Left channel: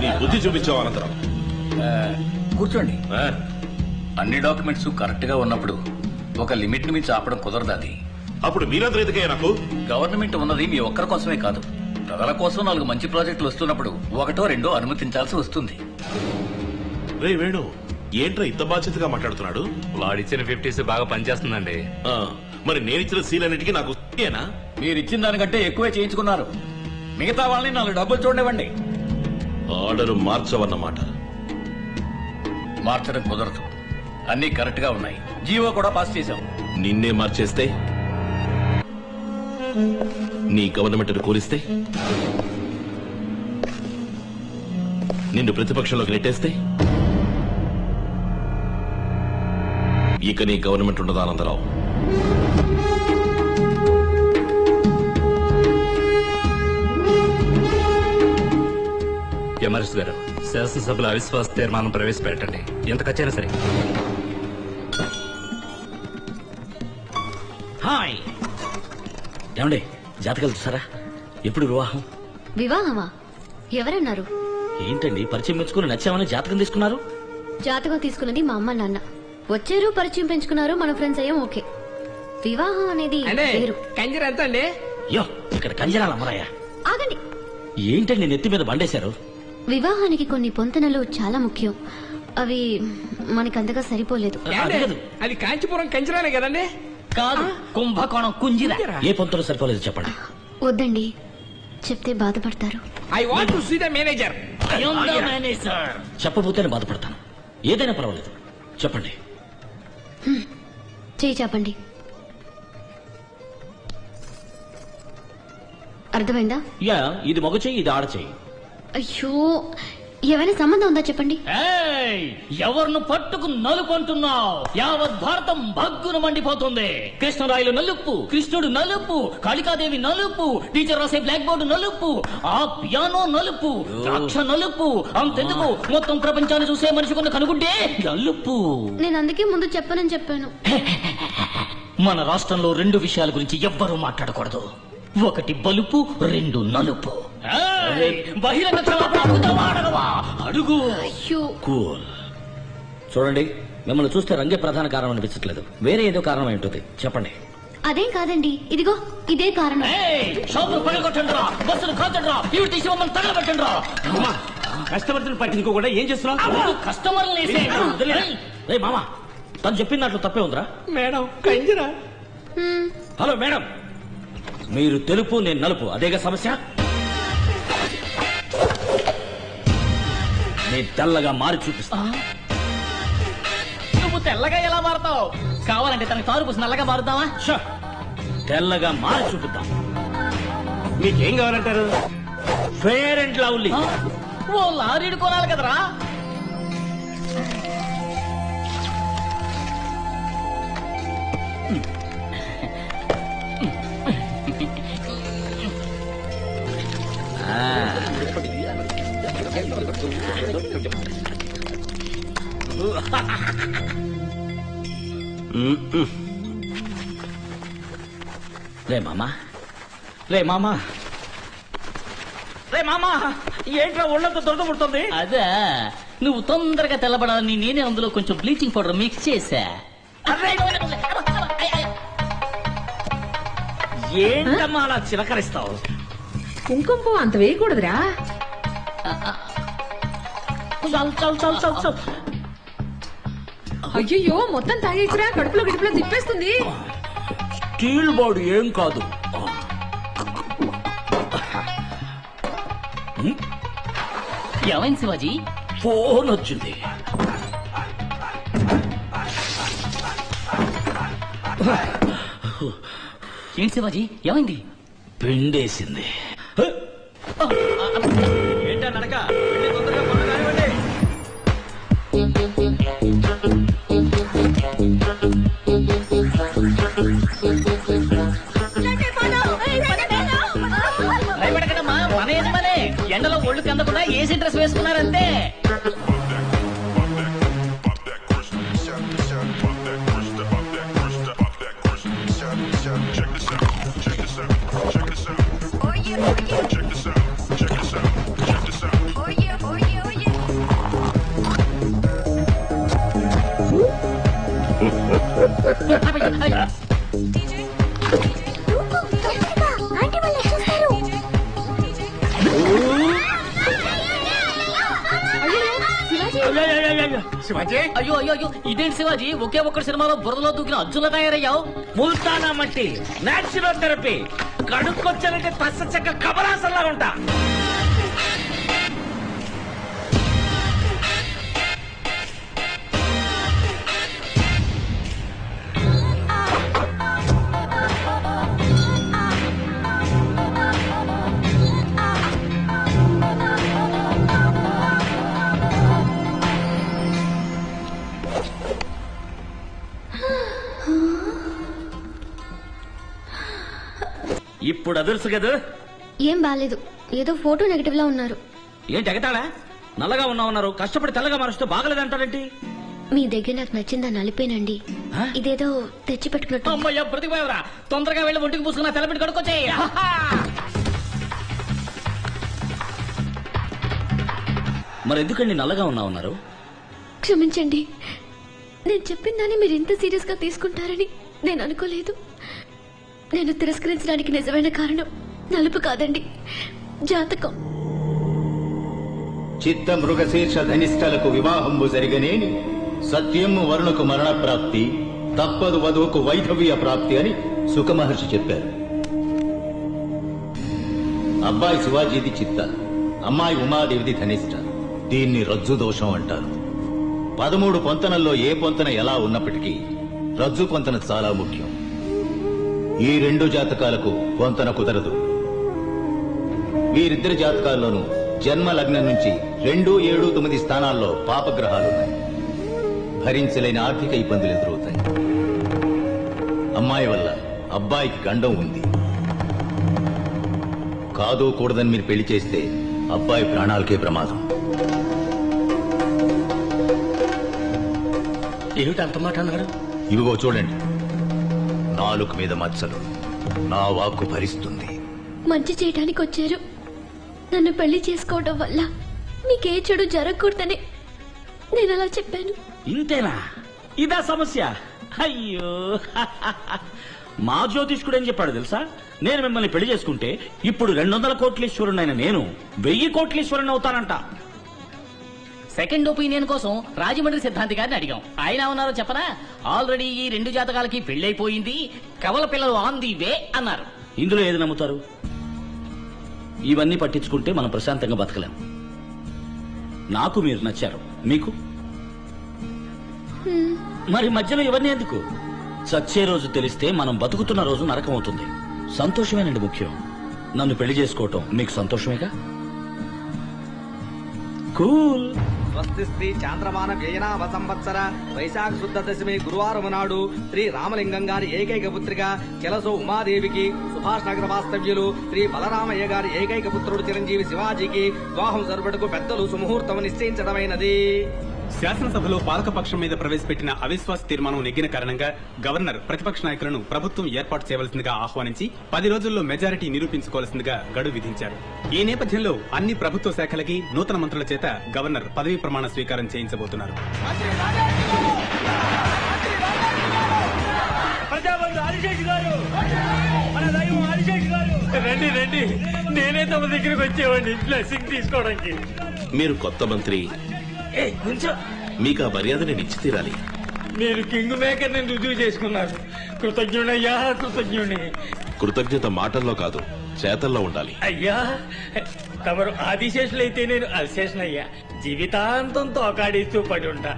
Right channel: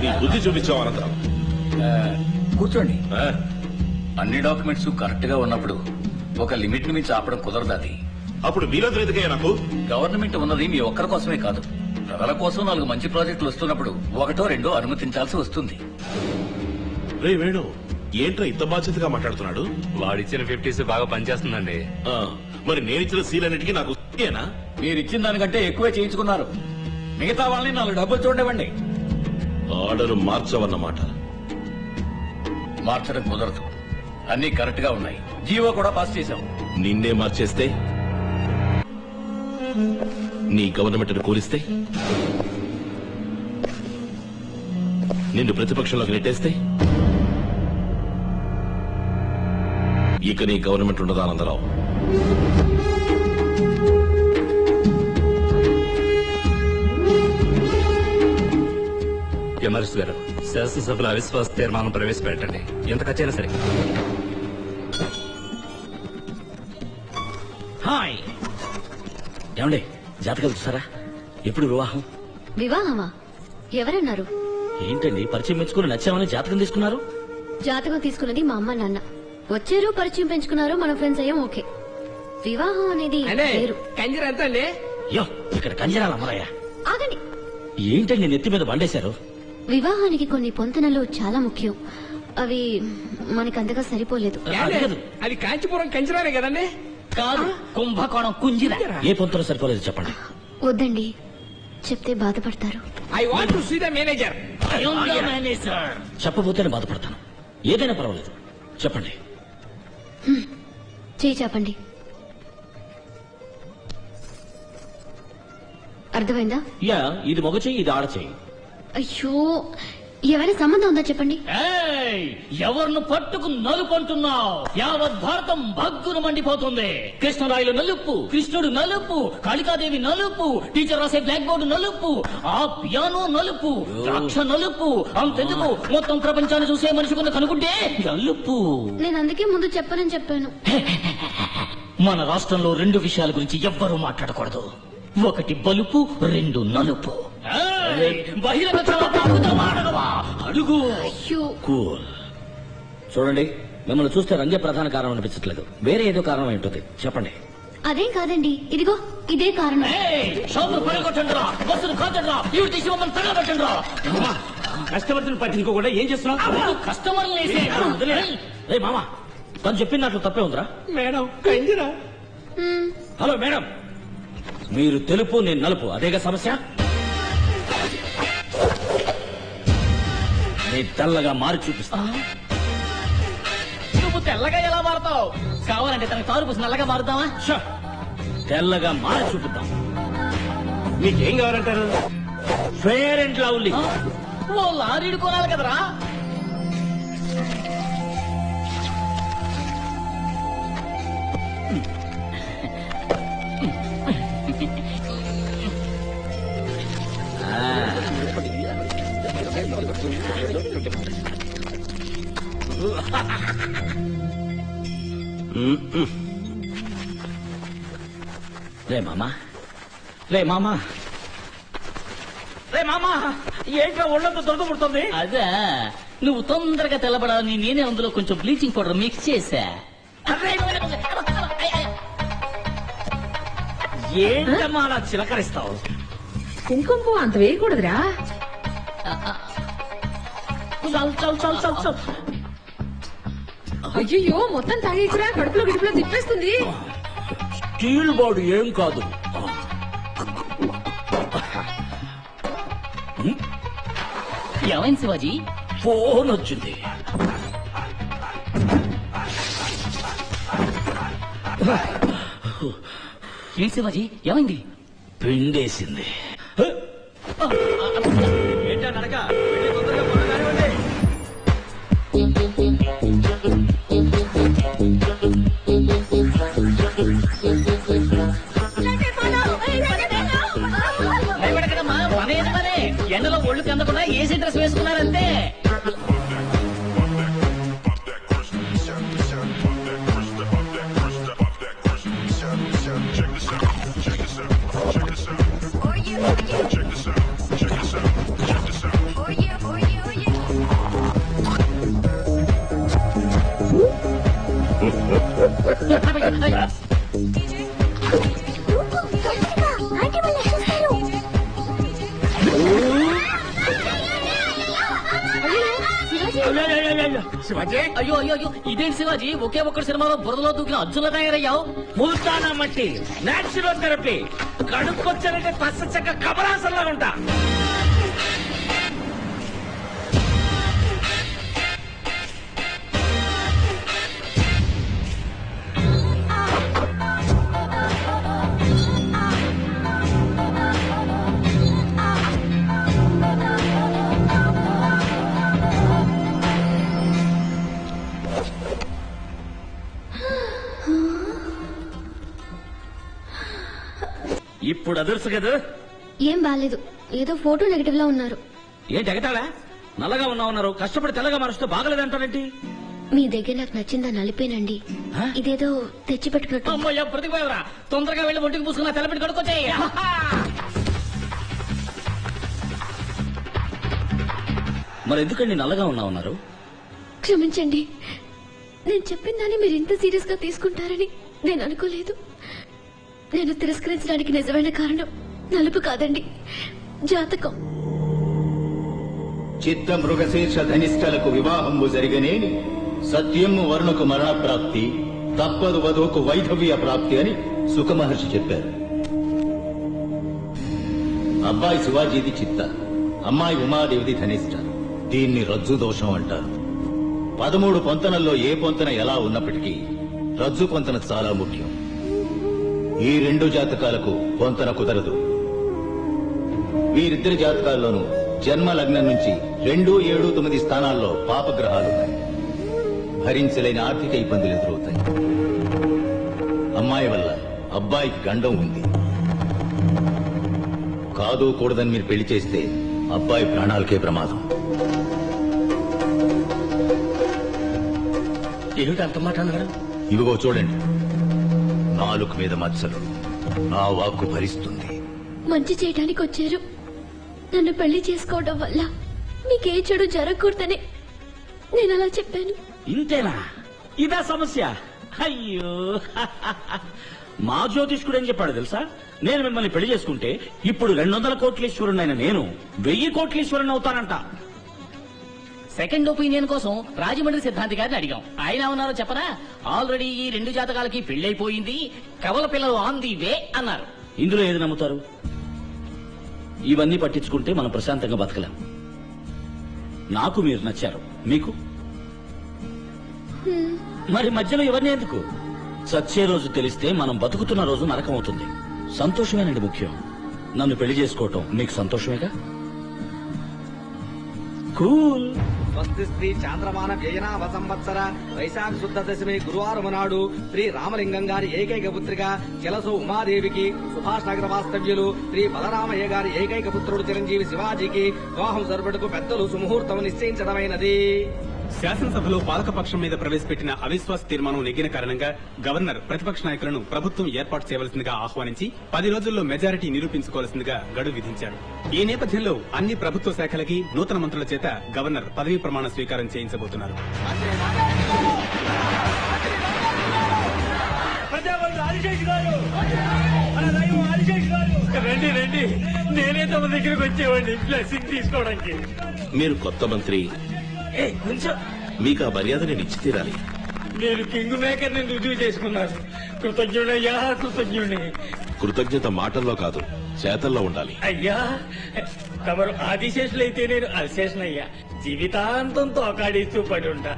నీ బుద్ధి చూపించావు అనంతరం. కూర్చోండి. అన్ని డాక్యుమెంట్స్ కరెక్ట్ గా ఉన్నప్పుడు ఒక లిమిట్ ను మించి ఆపడం కుదరదు. అది అప్పుడు మీరందరూ ఎందుకయ్యా నాకు? గవర్నమెంట్ ఉన్నది మీ ఒక్కరి కోసమే కాదు, ప్రజల కోసం 4 మంచి ప్రాజెక్టులు వస్తున్నప్పుడు 1 2 అనుమతించాల్సి వస్తుంది. రే వేణు, ఏంట్రా ఇంత బాధ్యతగా మాట్లాడుతున్నాడు? వాడిచ్చిన 50s బాగా పనిచేస్తుందండి. మరి నేనిచ్చిన సీలన్నిటికీ నాకు ఏనా? మీరిచ్చిన దానికంటే ఎక్కువే చేయించుకున్నారు. మిగతా వాళ్ళని 4 డబ్బులు చూడవండి. ఆర్డర్ మార్చవన్నమాట. మార్చడం కుదరదు, అన్ని కరెక్ట్ గా ఉన్నాయి. జీవో కూడా పాస్ చేశాం. నిన్నే మార్చేస్తే, నీ గవర్నమెంట్ కూలిస్తే, నిన్ను ప్రతిపక్షంలోకి నెట్టేస్తే ఇక నీ గవర్నమెంట్ ఉండదా ఆనందరావు? ఎమర్స్ గారు, శాసనసభలో అవిశ్వాస తీర్మానం ప్రవేశపెట్టండి. ఎంత ఖర్చైనా సరే. హాయ్ ఏమండి, జాతకాలు చూసారా? ఎప్పుడు వివాహం? వివాహమా? ఎవరన్నారు? ఏంటండి పరిచయం పెంచుకుని నచ్చామని జాతకం తీసుకున్నారు? జాతకం తీసుకున్నది మా అమ్మ నాన్న. వచ్చారు, పరిచయం పెంచుకున్నారు, మన ఫ్రెండ్స్ అయ్యాం. ఓకే. వివాహం అనేది వేరు. యో, ఇక్కడ కంజరాల అమ్మరాయ. ఆగండి. ఏంటండి నెత్తి మీద బండేశారు? వివాహానికి కొన్ని పొంతనలు చాలా ముఖ్యం. అవి మనకంతగా సరిపోలేదు. అది కాంచీపురం కంచరాలే కదండి? కాదు, కుంభకోణం కుంజిరా. ఏ పొంతలు సరిపోలేదు చెప్పండి. వద్దండి, చెప్తే బాధపడతారు. I want to see the manager. చెప్పబోతేనే బాధపడతాను. ఏదైనా పర్వాలేదు, చెప్పండి. చేయి చెప్పండి. అర్థమైందా? యా, ఇది మగ చెయ్యి, ఇది ఆడ చెయ్యి. అయ్యో, ఏమైనా సంబంధం ఉందా చెప్పండి. ఎవరిను పట్టుకు నలుపంటున్నావు? యావత్ భారతం భగ్గును మండిపోతుంది. కృష్ణరాయలు నలుపు, కృష్ణుడు నలుపు, కాళికాదేవి నలుపు, టీచర్ రాసే బ్లాక్ బోర్డు నలుపు, ఆ పియానో నలుపు, ద్రాక్ష నలుపు. అంతెందుకు, మొత్తం ప్రపంచాన్ని చూసే మనిషి కొంత కనుకుంటే నలుపు. నేను అందుకే ముందు చెప్పనని చెప్పాను. మన రాష్ట్రంలో 2 విషయాల గురించి ఎవ్వరూ మాట్లాడకూడదు. 1 బలుపు, 2 నలుపు. అడుగు. కూల్. చూడండి, మిమ్మల్ని చూస్తే రంగే ప్రధాన కారణం అనిపించట్లేదు. వేరే ఏదో కారణం ఏంటది చెప్పండి. అదేం కాదండి, ఇదిగో ఇదే కారణం. కస్టమర్స్ పట్టించుకోకుండా ఏం చేస్తున్నావు? కస్టమర్ మామా, తను చెప్పిన దాంట్లో తప్పే ఉందిరా. మేడం కంజరా. హలో మేడం, మీరు తెలుపు, నేను నలుపు, అదేగా సమస్య? నేను తెల్లగా మారి చూపిస్తా. నువ్వు తెల్లగా ఎలా మారుతావు? కావాలంటే తనకి తారు పూసి నల్లగా మారుతావా? తెల్లగా మారి చూపుతాం. మీకేం కావాలంటారు? Fair and Lovely. ఓ లారీడు కొనాలి కదరా. రే మామా, రే మామా, రే మామా, ఏంట్రా ఒళ్ళంతా దొరకబడుతుంది? అదే, నువ్వు తొందరగా తెల్లబడాలని నేనే అందులో కొంచెం బ్లీచింగ్ పౌడర్ మిక్స్ చేశా. ఏంటమ్మా అలా చిలకరిస్తావు? కుంకుమ అంత వేయకూడదురా. అయ్యో, మొత్తం తాగేసిరా, కడుపులో గిడుపులో తిప్పేస్తుంది. స్టీల్ బాడీ ఏం కాదు. ఏమైంది శివాజీ? ఫోన్ వచ్చింది. ఏంటి శివాజీ, ఏమైంది? పిండేసింది. ఏంటా నడక? భయపడకడమ్మా, మన ఏది పనే. ఎండలో ఒళ్ళు కందకుండా ఏసీ డ్రెస్ వేసుకున్నారంతే. Check this out. శివాజీ అయ్యో అయ్యో అయ్యో ఇదేంటి శివాజీ ఒకే ఒక్కటి సినిమాలో బురదలో దూకిన అర్జున్లా తయారయ్యావు. ముల్తానా మట్టి నాచురల్ థెరపీ కడుక్కొచ్చారంటే పచ్చ చెక్క కమలాసంలా ఉంటా. ఇప్పుడు అదర్సు కదా. ఏం బాలేదు, ఏదో ఫోటో నెగటివ్ లా ఉన్నారు. ఏంటి ఎగతాళా? నల్లగా ఉన్నావు, కష్టపడి తెల్లగా మారుస్తూ బాగలేదంటారేంటి? మీ దగ్గర నాకు నచ్చిందా నలిపేనండి. ఇదేదో తెచ్చి పెట్టుకున్నట్టు. అమ్మయ్య ప్రతిపోయవరా, తొందరగా వెళ్ళి ఒంటికి పూసుకున్నా తెల్లబెట్టి కడుక్కొచ్చాయి. మరి ఎందుకండి నల్లగా ఉన్నారు? క్షమించండి, నేను చెప్పిన దాన్ని మీరు ఇంత సీరియస్ గా తీసుకుంటారని నేను అనుకోలేదు. నేను తిరస్కరించడానికి నిజమైన కారణం నలుపు కాదండి, జాతకం. చిత్త మృగశీర్ష ధనిష్టలకు వివాహంబు జరిగనేని సత్యము వరుణకు మరణ ప్రాప్తి, తప్పదు వధువుకు వైధవ్య ప్రాప్తి అని సుఖమహర్షి చెప్పారు. అబ్బాయి శివాజీది చిత్త, అమ్మాయి ఉమాదేవిది ధనిష్ట. దీన్ని రజ్జు దోషం అంటారు. 13 పొంతనల్లో ఏ పొంతన ఎలా ఉన్నప్పటికీ రజ్జు పొంతన చాలా ముఖ్యం. ఈ 2 జాతకాలకు పొంతన కుదరదు. వీరిద్దరి జాతకాల్లోనూ జన్మ లగ్నం నుంచి 2, 7, 9 స్థానాల్లో పాపగ్రహాలున్నాయి. భరించలేని ఆర్థిక ఇబ్బందులు ఎదురవుతాయి. అమ్మాయి వల్ల అబ్బాయికి గండం ఉంది. కాదు కూడదని మీరు పెళ్లి చేస్తే అబ్బాయి ప్రాణాలకే ప్రమాదం. ఏమిటి అంత మాట అన్నారు? ఇదిగో చూడండి, నాలుక మీద మచ్చలు. నా వాక్కు భరిస్తుంది. మంచి చేయడానికి వచ్చారు. నన్ను పెళ్లి చేసుకోవడం వల్ల మీకే చెడు జరగకూడదని నేను అలా చెప్పాను. ఇంతేనా? ఇదా సమస్య? అయ్యో, మా జ్యోతిష్కుడు ఏం చెప్పాడు తెలుసా? నేను మిమ్మల్ని పెళ్లి చేసుకుంటే ఇప్పుడు 200 కోట్లీశ్వరునైన నేను 1000 కోట్లీశ్వరుని అవుతానంట. సెకండ్ ఒపీనియన్ కోసం రాజమండ్రి సిద్ధాంతి గారిని అడిగాం. ఆయన ఏమన్నారో చెప్పనా? ఆల్రెడీ ఈ 2 జాతకాలకి పెళ్లైపోయింది, కవల పిల్లలు ఆన్ ది వే అన్నారు. ఇందులో ఏది నమ్ముతారు? ఇవన్నీ పట్టించుకుంటే మనం ప్రశాంతంగా బతకలేం. నాకు మీరు నచ్చారు, మీకు మరి మధ్యలో ఇవన్నీ ఎందుకు? చచ్చే రోజు తెలిస్తే మనం బతుకుతున్న రోజు నరకం అవుతుంది. సంతోషమేనండి ముఖ్యం. నన్ను పెళ్లి చేసుకోవటం మీకు సంతోషమేగా? కూల్. స్వస్తి శ్రీ చాంద్రమాన వ్యయనావ సంవత్సర వైశాఖ శుద్ధ దశమి గురువారం నాడు శ్రీ రామలింగం గారి ఏకైక పుత్రిక చెలసు ఉమాదేవికి, సుభాష్ నగర వాస్తవ్యులు శ్రీ బలరామయ్య గారి ఏకైక పుత్రుడు చిరంజీవి శివాజీకి వివాహం జరుపుటకు పెద్దలు సుముహూర్తం నిశ్చయించడమైనది. శాసనసభలో పాలకపక్షం మీద ప్రవేశపెట్టిన అవిశ్వాస తీర్మానం నెగ్గిన కారణంగా గవర్నర్ ప్రతిపక్ష నాయకులను ప్రభుత్వం ఏర్పాటు చేయవలసిందిగా ఆహ్వానించి 10 రోజుల్లో మెజారిటీ నిరూపించుకోవాల్సిందిగా గడువు విధించారు. ఈ నేపథ్యంలో అన్ని ప్రభుత్వ శాఖలకి నూతన మంత్రుల చేత గవర్నర్ పదవీ ప్రమాణ స్వీకారం చేయించబోతున్నారు. రండి రండి, నేనే తమ దగ్గరకు వచ్చేవాడిని బ్లెస్సింగ్ తీసుకోవడానికి. మీరు కొత్త మంత్రి, మీకు ఆ మర్యాద నేను ఇచ్చి తీరాలి. మీరు కింగ్ మేకర్ ని రుజువు చేసుకున్నారు. కృతజ్ఞుడయ్యా, కృతజ్ఞుడి. కృతజ్ఞత మాటల్లో కాదు, చేతల్లో ఉండాలి. అయ్యా, తమరు ఆదిశేషులైతే నేను అల్శేషనయ్యా. జీవితాంతం తోకాడిస్తూ పడి ఉంటా.